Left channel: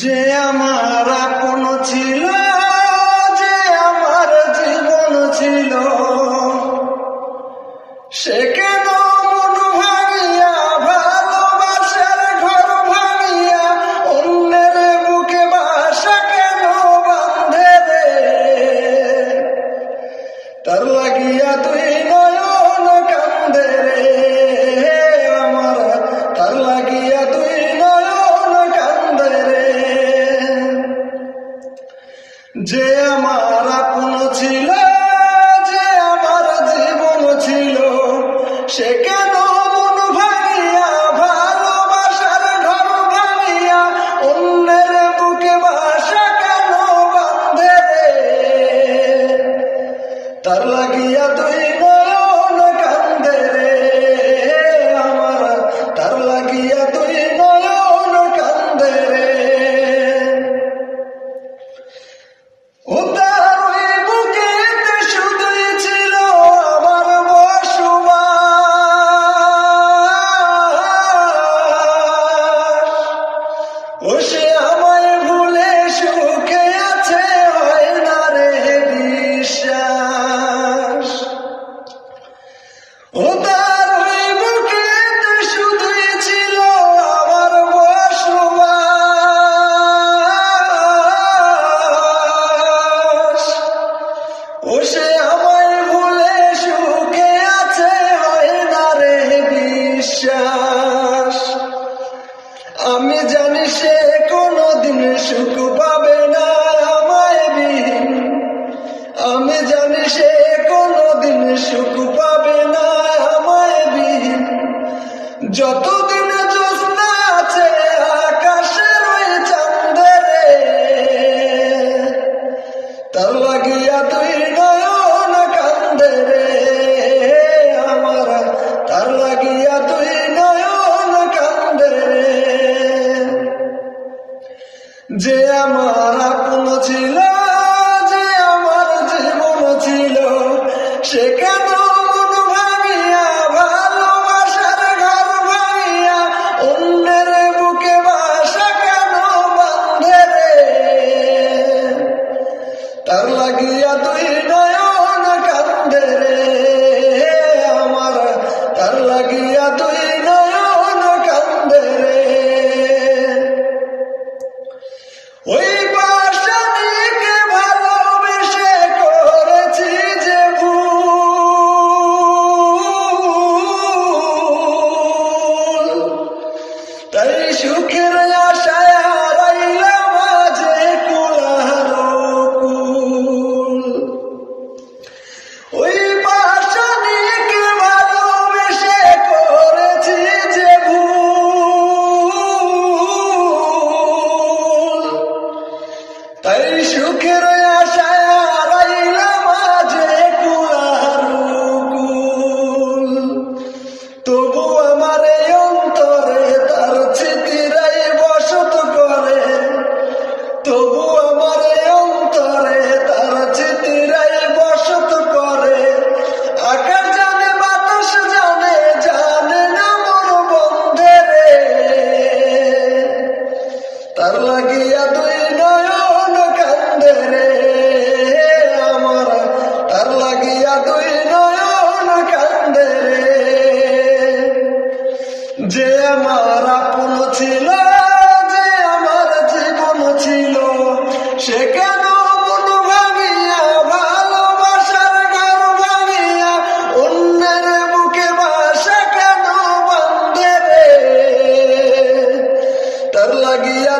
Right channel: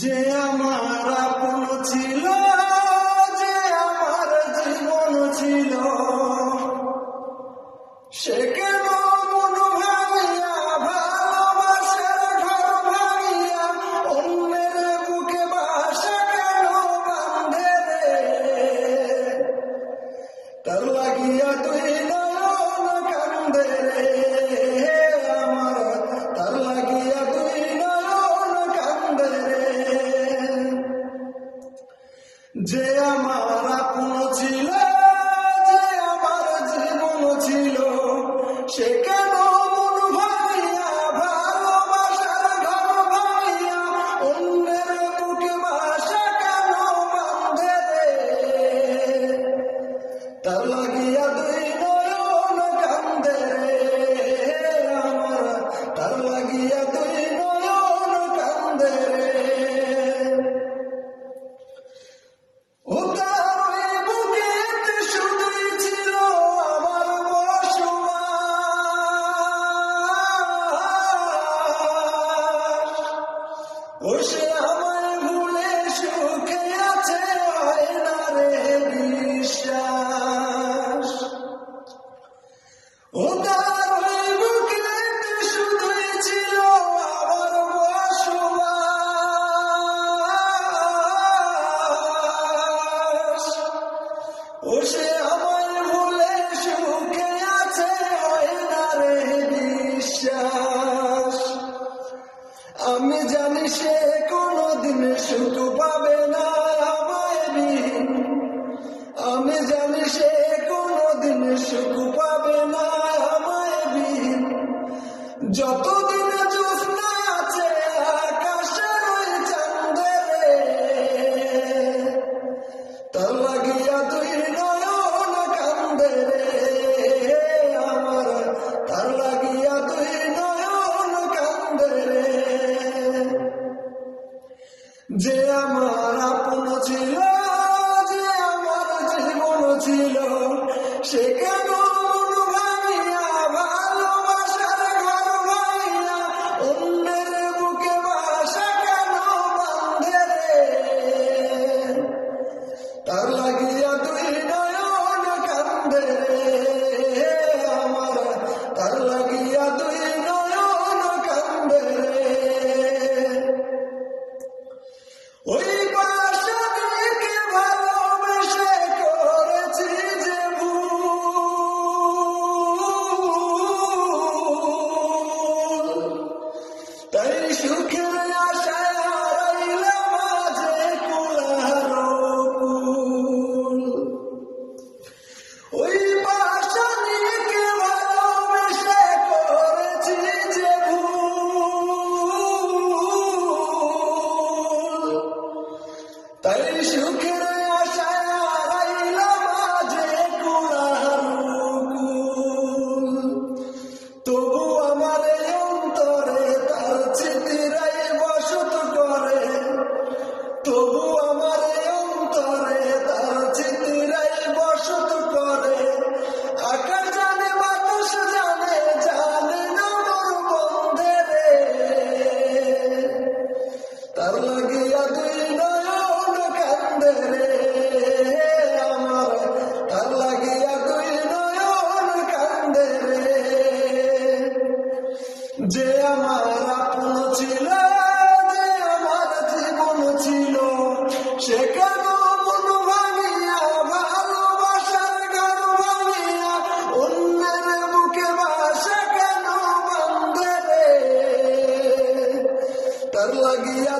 যে আমার আপন ছিল, যে আমার জীবন ছিল, সে কেন মন ভাঙিয়া, ভালোবাসার ঘর ভাঙিয়া, অন্যের বুকে বাসা কেন বাঁধে রে? তার লাগিয়া তুই নয়ন কান্দে রে আমার, তার লাগিয়া তুই নয়ন কান্দে রে। যে আমার আপন ছিল, যে আমার জীবন ছিল, সে কেন মন ভাঙিয়া, ভালোবাসার ঘর ভাঙিয়া, অন্যের বুকে বাসা কেন বাঁধে রে? তার লাগিয়া তুই নয়ন কান্দে রে আমার, তার লাগিয়া তুই নয়ন কান্দে রে। ও তার ওই বুকেতে শুধুই ছিল আমার বসবাস, ও সে আমায় ভুলে সুখে আছে, হয় না রে বিশ্বাস। ও তার ওই বুকেতে শুধুই ছিল আমার বসবাস, ও সে আমায় ভুলে সুখে আছে, হয় না রে বিশ্বাস। আমি জানি সে কোনোদিন সুখ পাবে না আমায় বিহীন, আমি জানি সে কোনোদিন সুখ পাবে না আমায় বিহীন। যতদিন জ্যোৎস্না আছে আকাশের ওই চাঁদে রে, তার লাগিয়া তুই নয়ন কান্দে রে আমার, তার লাগিয়া তুই নয়ন কান্দে রে। যে আমার আপন ছিল, যে আমার জীবন ছিল, সে কেন মন ভাঙিয়া, ভালোবাসার ঘর ভাঙিয়া, অন্যের বুকে বাসা কেন বাঁধে রে? তার লাগিয়া তুই নয়ন কান্দে রে আমার, তার লাগিয়া তুই নয়ন কান্দে রে। ওই বাসনীকে ভালোবেসে করেছি যে ভুল, তাই সুখের আশায় হারাইলাম মাঝে কুল। ওই বাসনীকে ভালোবেসে করেছি যে ভুল, তাই সুখের আশায় হারাইলাম মাঝে কুল। তবু আমার এই অন্তরে তার স্মৃতিরাই বসত করে, তবু আমার এই অন্তরে তার স্মৃতিরাই বসত করে। আকাশ জানে বাতাস জানে, জানে না মন বন্ধে রে। তার লাগিয়া তুই নয়ন কান্দে রে আমার, তার লাগিয়া তুই নয়ন কান্দে রে। যে আমার আপন ছিল, যে আমার জীবন ছিল, সে কেন মন ভাঙিয়া, ভালোবাসার ঘর ভাঙিয়া, অন্যের বুকে বাসা কেন বাঁধে রে? তার লাগিয়া